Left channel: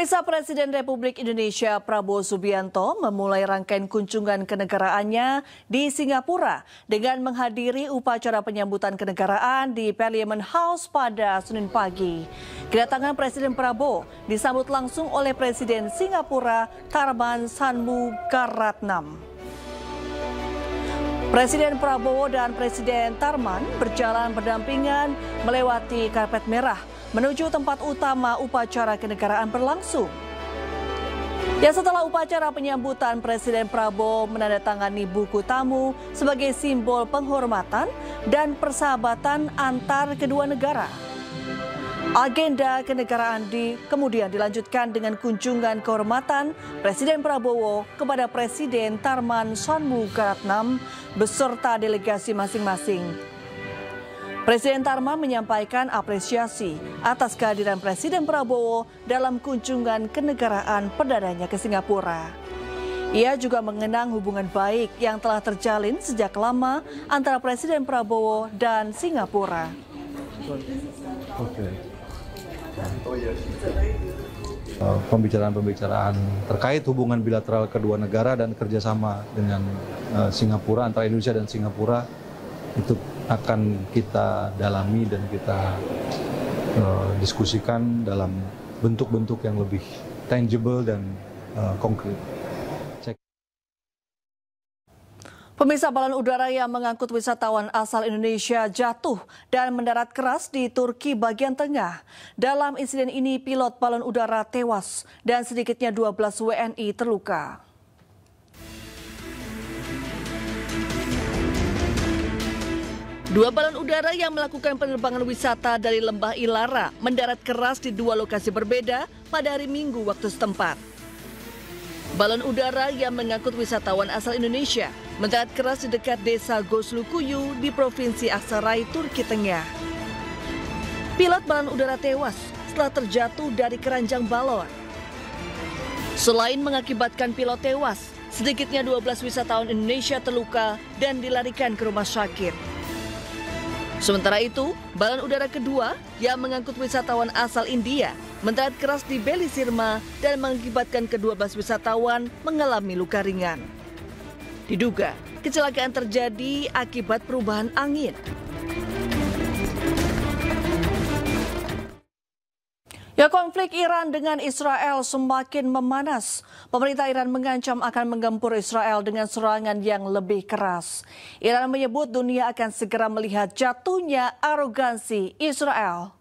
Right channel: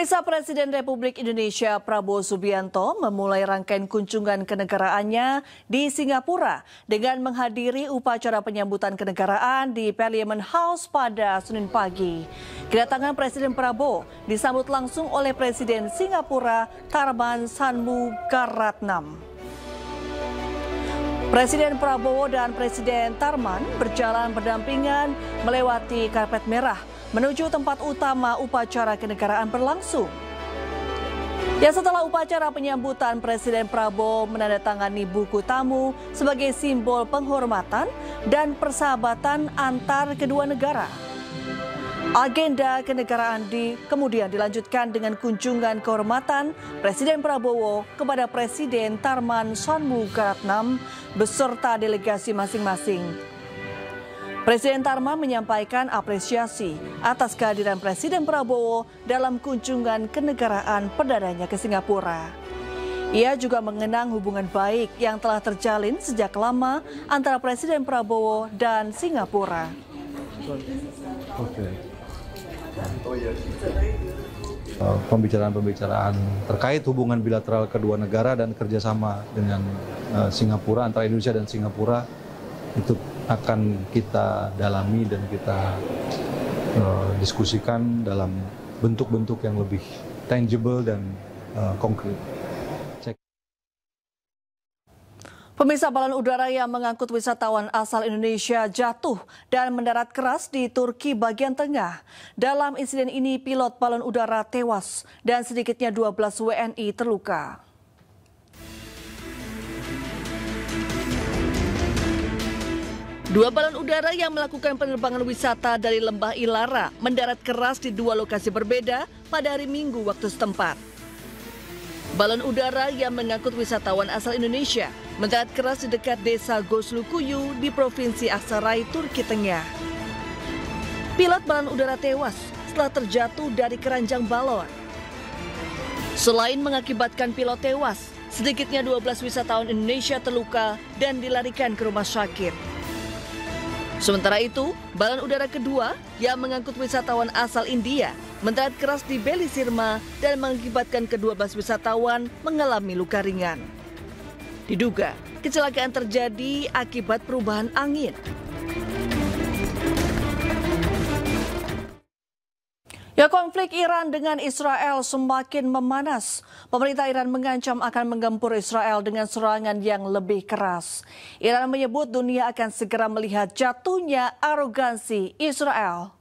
Pemirsa, Presiden Republik Indonesia Prabowo Subianto memulai rangkaian kunjungan kenegaraannya di Singapura dengan menghadiri upacara penyambutan kenegaraan di Parliament House pada Senin pagi. Kedatangan Presiden Prabowo disambut langsung oleh Presiden Singapura Tharman Shanmugaratnam. Presiden Prabowo dan Presiden Tharman berjalan berdampingan melewati karpet merah menuju tempat utama upacara kenegaraan berlangsung. Ya, setelah upacara penyambutan, Presiden Prabowo menandatangani buku tamu sebagai simbol penghormatan dan persahabatan antar kedua negara. Agenda kenegaraan kemudian dilanjutkan dengan kunjungan kehormatan Presiden Prabowo kepada Presiden Tharman Shanmugaratnam beserta delegasi masing-masing. Presiden Tharman menyampaikan apresiasi atas kehadiran Presiden Prabowo dalam kunjungan kenegaraan perdananya ke Singapura. Ia juga mengenang hubungan baik yang telah terjalin sejak lama antara Presiden Prabowo dan Singapura. Pembicaraan-pembicaraan terkait hubungan bilateral kedua negara dan kerjasama dengan Singapura, antara Indonesia dan Singapura, itu akan kita dalami dan kita diskusikan dalam bentuk-bentuk yang lebih tangible dan konkret. Pemirsa, balon udara yang mengangkut wisatawan asal Indonesia jatuh dan mendarat keras di Turki bagian tengah. Dalam insiden ini, pilot balon udara tewas dan sedikitnya 12 WNI terluka. Dua balon udara yang melakukan penerbangan wisata dari Lembah Ilara mendarat keras di dua lokasi berbeda pada hari Minggu waktu setempat. Balon udara yang mengangkut wisatawan asal Indonesia mendarat keras di dekat desa Goslukuyu di Provinsi Aksaray, Turki Tengah. Pilot balon udara tewas setelah terjatuh dari keranjang balon. Selain mengakibatkan pilot tewas, sedikitnya 12 wisatawan Indonesia terluka dan dilarikan ke rumah sakit. Sementara itu, balon udara kedua yang mengangkut wisatawan asal India mendarat keras di Belisirma dan mengakibatkan ke-12 wisatawan mengalami luka ringan. Diduga, kecelakaan terjadi akibat perubahan angin. Ya, konflik Iran dengan Israel semakin memanas. Pemerintah Iran mengancam akan menggempur Israel dengan serangan yang lebih keras. Iran menyebut dunia akan segera melihat jatuhnya arogansi Israel.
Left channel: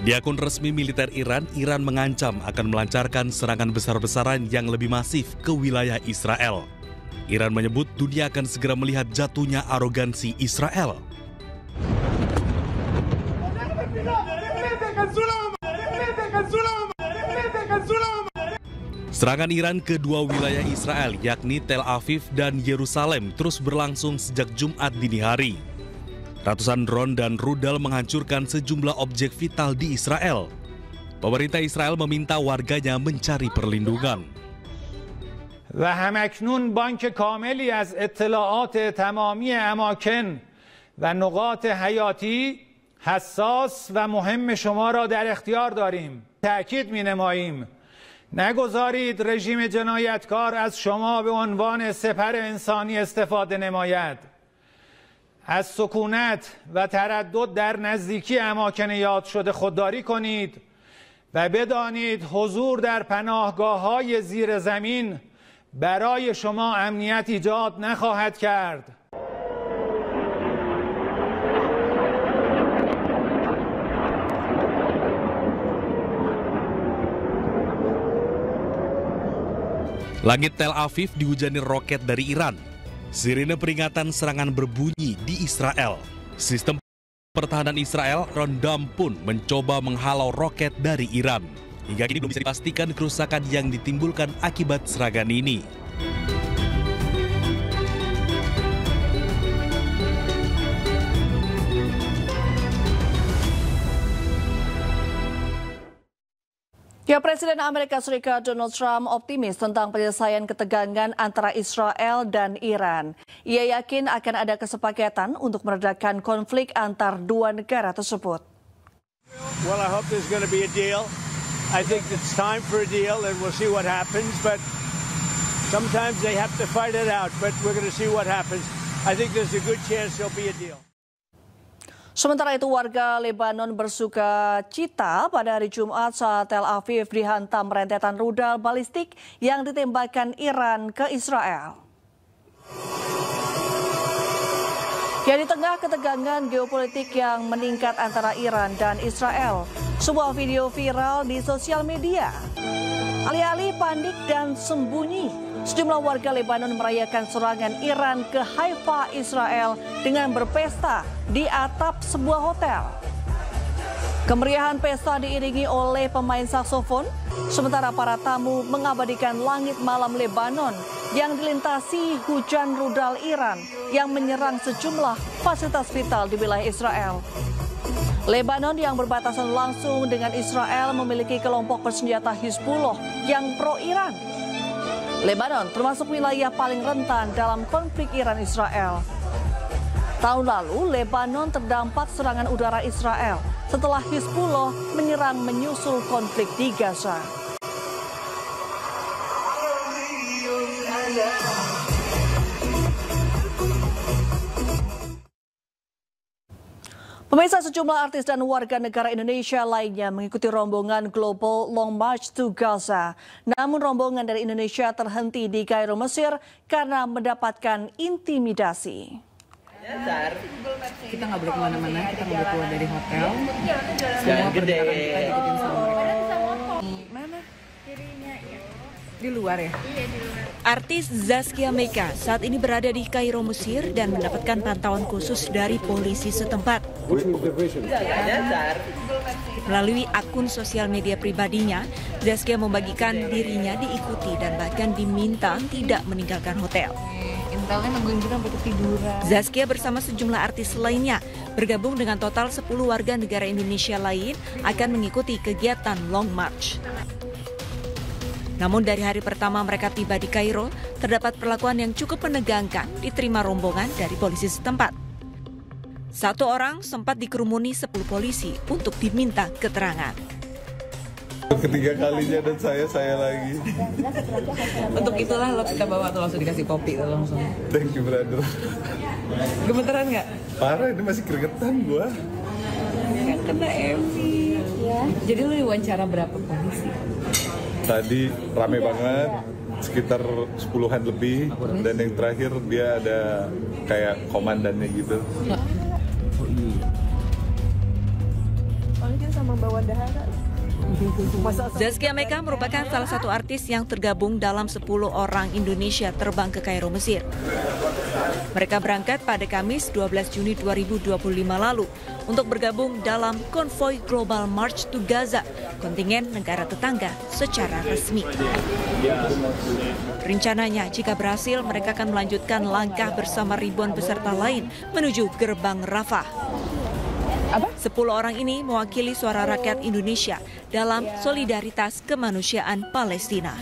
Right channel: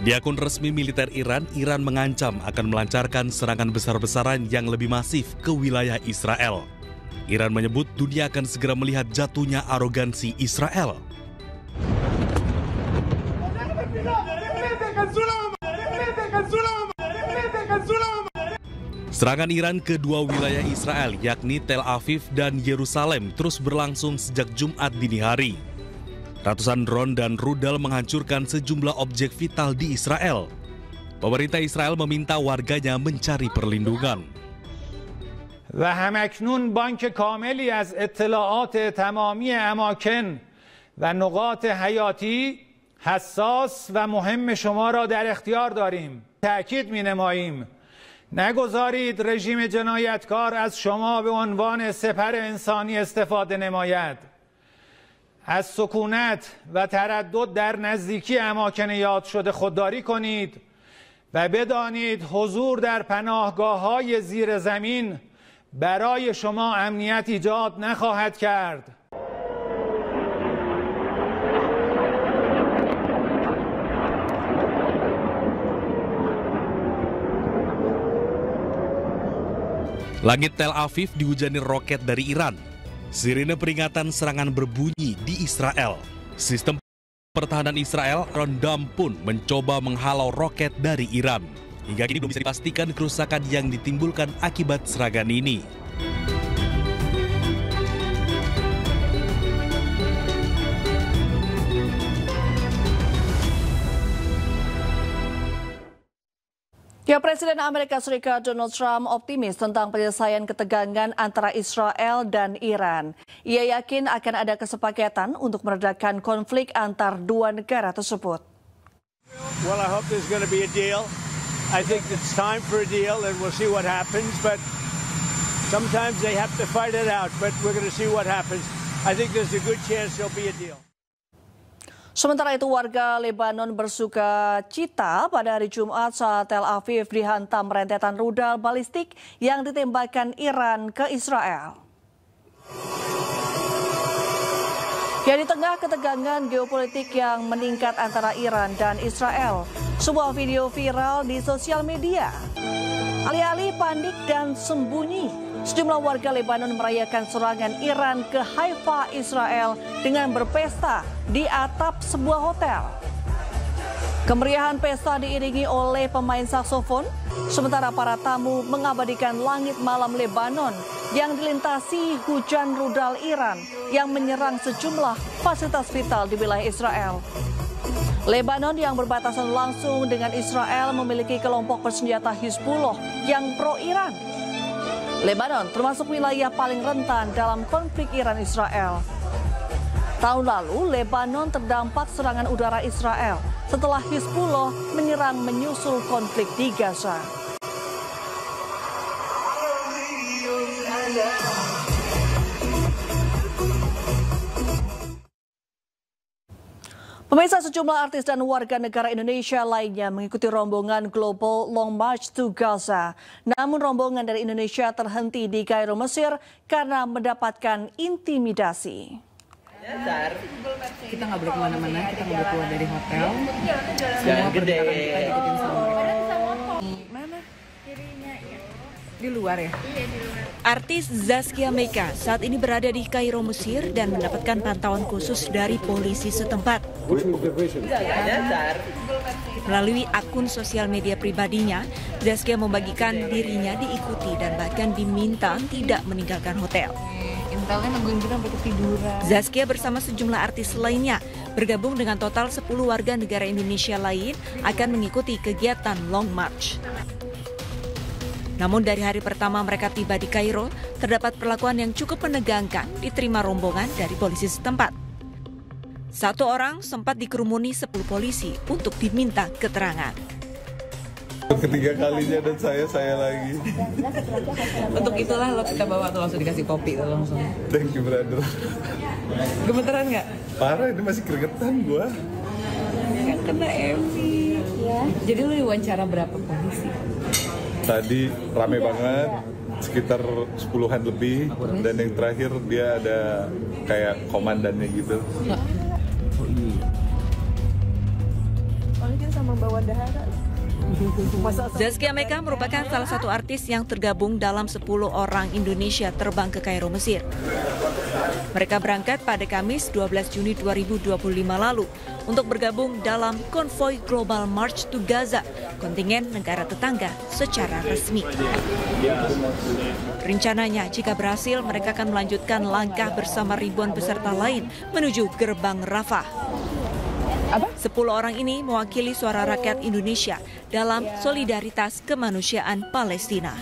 Di akun resmi militer Iran, Iran mengancam akan melancarkan serangan besar-besaran yang lebih masif ke wilayah Israel. Iran menyebut dunia akan segera melihat jatuhnya arogansi Israel. Serangan Iran ke dua wilayah Israel, yakni Tel Aviv dan Yerusalem, terus berlangsung sejak Jumat dini hari. Ratusan drone dan rudal menghancurkan sejumlah objek vital di Israel. Pemerintah Israel meminta warganya mencari perlindungan. و همکنون بانک کاملی از اطلاعات تمامی اماکن و نقاط حیاتی حساس و مهم شما را در اختیار داریم. تأکید می‌نماییم نگذارید رژیم جنایتکار از شما به عنوان سپر انسانی استفاده نماید. از سکونت و تردد در نزدیکی اماکن یاد شده خودداری کنید و بدانید حضور در پناهگاه‌های زیر زمین برای شما امنیت ایجاد نخواهد کرد. Langit Tel Aviv dihujani roket dari Iran. Sirine peringatan serangan berbunyi di Israel. Sistem pertahanan Israel, Iron Dome, pun mencoba menghalau roket dari Iran. Hingga kini belum bisa dipastikan kerusakan yang ditimbulkan akibat serangan ini. Ya, Presiden Amerika Serikat Donald Trump optimis tentang penyelesaian ketegangan antara Israel dan Iran. Ia yakin akan ada kesepakatan untuk meredakan konflik antar dua negara tersebut. Well, I hope there's going to be a deal. I think it's time for a deal, and we'll see what happens. But sometimes they have to fight it out. But we're going to see what happens. I think there's a good chance there'll be a deal. Sementara itu, warga Lebanon bersuka cita pada hari Jumat saat Tel Aviv dihantam rentetan rudal balistik yang ditembakkan Iran ke Israel. Ya, di tengah ketegangan geopolitik yang meningkat antara Iran dan Israel, sebuah video viral di sosial media. Alih-alih panik dan sembunyi, sejumlah warga Lebanon merayakan serangan Iran ke Haifa, Israel dengan berpesta di atap sebuah hotel. Kemeriahan pesta diiringi oleh pemain saksofon, sementara para tamu mengabadikan langit malam Lebanon yang dilintasi hujan rudal Iran yang menyerang sejumlah fasilitas vital di wilayah Israel. Lebanon yang berbatasan langsung dengan Israel memiliki kelompok bersenjata Hizbullah yang pro-Iran. Lebanon termasuk wilayah paling rentan dalam konflik Iran-Israel. Tahun lalu, Lebanon terdampak serangan udara Israel setelah Hizbullah menyerang menyusul konflik di Gaza. Pemirsa, sejumlah artis dan warga negara Indonesia lainnya mengikuti rombongan Global Long March to Gaza. Namun rombongan dari Indonesia terhenti di Kairo, Mesir karena mendapatkan intimidasi. Kita nggak boleh kemana-mana, kita nggak boleh keluar dari hotel. Semua perjalanan mana? Di luar ya? Iya, di luar. Artis Zaskia Meka saat ini berada di Kairo, Mesir dan mendapatkan pantauan khusus dari polisi setempat. Melalui akun sosial media pribadinya, Zaskia membagikan dirinya diikuti dan bahkan diminta tidak meninggalkan hotel. Zaskia bersama sejumlah artis lainnya bergabung dengan total 10 warga negara Indonesia lain akan mengikuti kegiatan Long March. Namun dari hari pertama mereka tiba di Kairo, terdapat perlakuan yang cukup menegangkan diterima rombongan dari polisi setempat. Satu orang sempat dikerumuni 10 polisi untuk diminta keterangan. Ketiga kalinya dan saya lagi. Untuk itulah lo kita bawa tuh langsung dikasih kopi tuh langsung. Thank you, brother. Gemeteran nggak? Parah, ini masih gregetan gua. Yang kena MV. Ya. Jadi lu diwawancara berapa polisi? Tadi rame banget, sekitar 10-an lebih, dan yang terakhir dia ada kayak komandannya gitu. Zaskia Meka merupakan salah satu artis yang tergabung dalam 10 orang Indonesia terbang ke Kairo, Mesir. Mereka berangkat pada Kamis 12 Juni 2025 lalu untuk bergabung dalam konvoi Global March to Gaza, kontingen negara tetangga secara resmi. Rencananya, jika berhasil, mereka akan melanjutkan langkah bersama ribuan peserta lain menuju gerbang Rafah. 10 orang ini mewakili suara rakyat Indonesia dalam solidaritas kemanusiaan Palestina.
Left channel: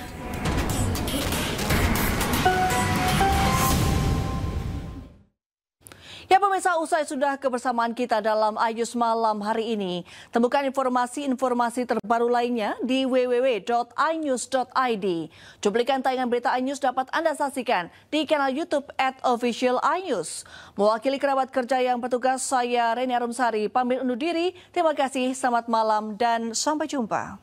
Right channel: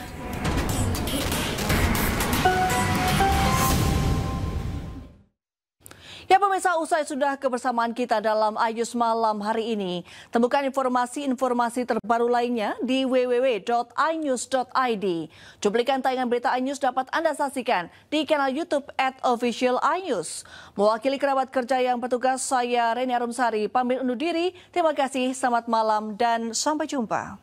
Ya pemirsa, usai sudah kebersamaan kita dalam Ayus Malam hari ini. Temukan informasi-informasi terbaru lainnya di www.inews.id. Cuplikan tayangan berita iNews dapat Anda saksikan di kanal YouTube @officialinews. Mewakili kerabat kerja yang bertugas, saya Reni Arumsari pamit undur diri. Terima kasih, selamat malam dan sampai jumpa.